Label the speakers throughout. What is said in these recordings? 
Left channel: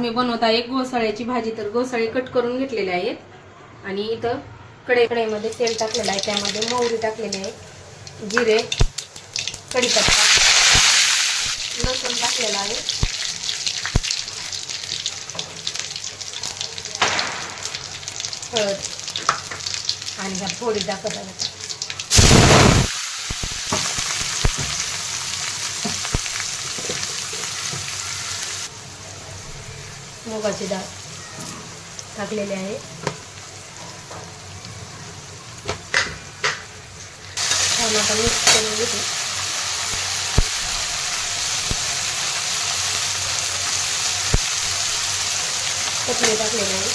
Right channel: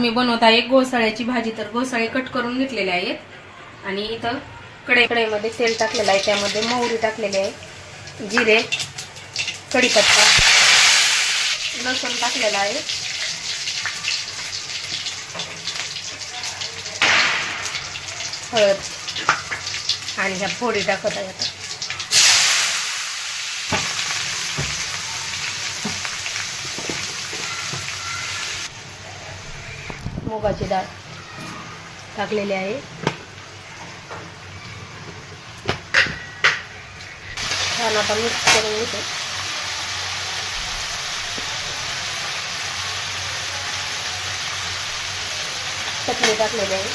Speaker 1: मी बनवत आहे घोसाळ्याची भाजी तर घोसाळे कट करून घेतलेले आहेत. आणि इथं कडे कढईमध्ये तेल टाकलेलं आहे त्यामध्ये मोहरी टाकलेली आहे जिरे कढीपत्ता लसूण टाकलेला आहे. हळद. आणि ह्या फोडी टाकत आहे मुगाची डाळ टाकलेली आहे. छान आपण मिक्स करून घेतो. चटणी टाकलेली आहे.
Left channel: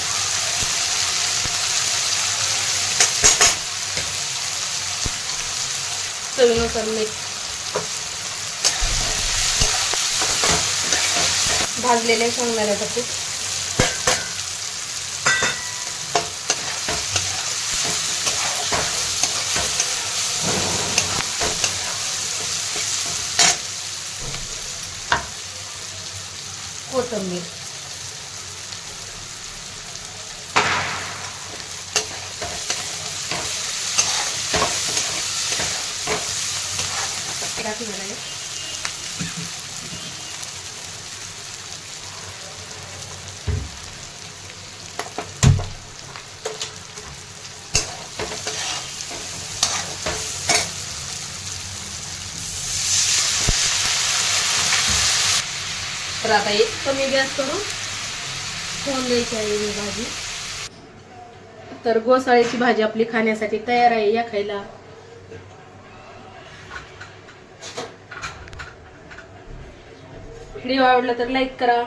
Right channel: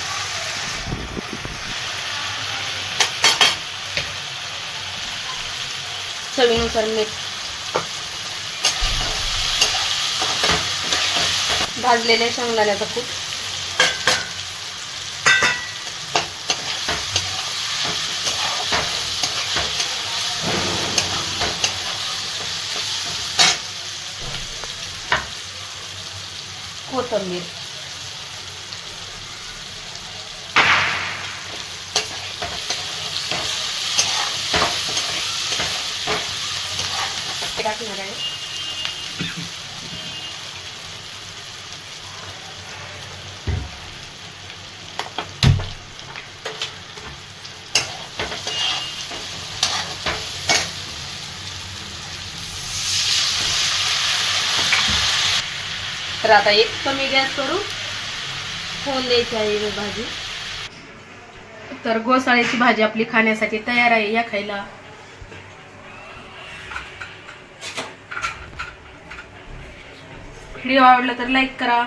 Speaker 1: चवीनुसार मीठ भाजलेले शेंगदाण्याचं कूट. कोथंबीर टाकणार आहे तर आता एक कमी गॅस करू होऊन द्यायची आहे ही भाजी. तर घोसाळ्याची भाजी आपली खाण्यासाठी तयार आहे या खायला. व्हिडिओ आवडला तर लाईक करा.